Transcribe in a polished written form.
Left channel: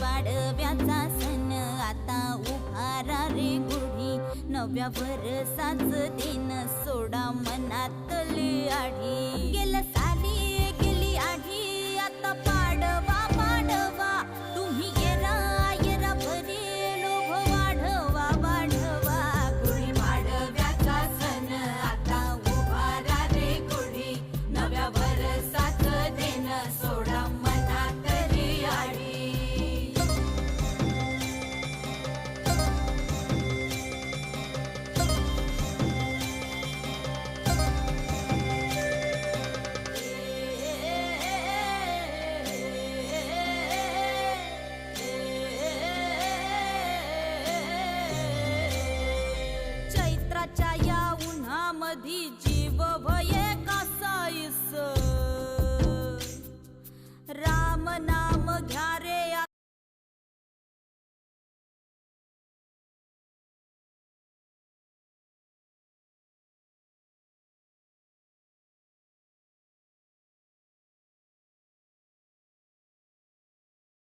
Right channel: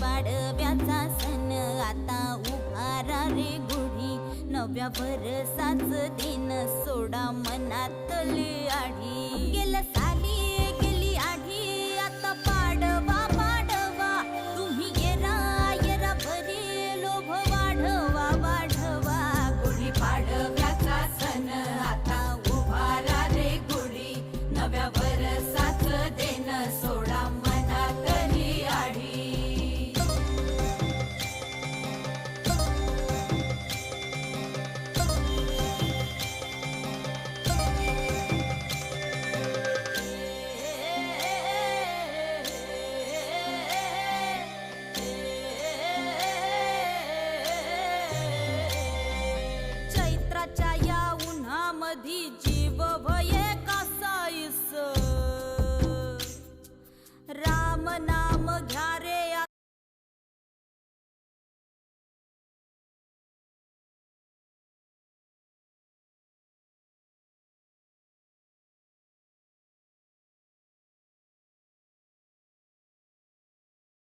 पाडव्याचा सण आता उभारा रे गुढी, नव्या वर्षाच दिन सोडा मनातली आढी. गेल्या साली गेली आढी, आता पाडवा पाडवा, तुम्ही येरा येरा भरी लोभ वाढवा वाढवा. गुढी पाडव्याचा सण आता उभारा रे गुढी, नव्या वर्षाच दिन सोडा मनातली आढी. चैत्राच्या या उन्हामधी जीव भये कासाईस, राम नाम घ्या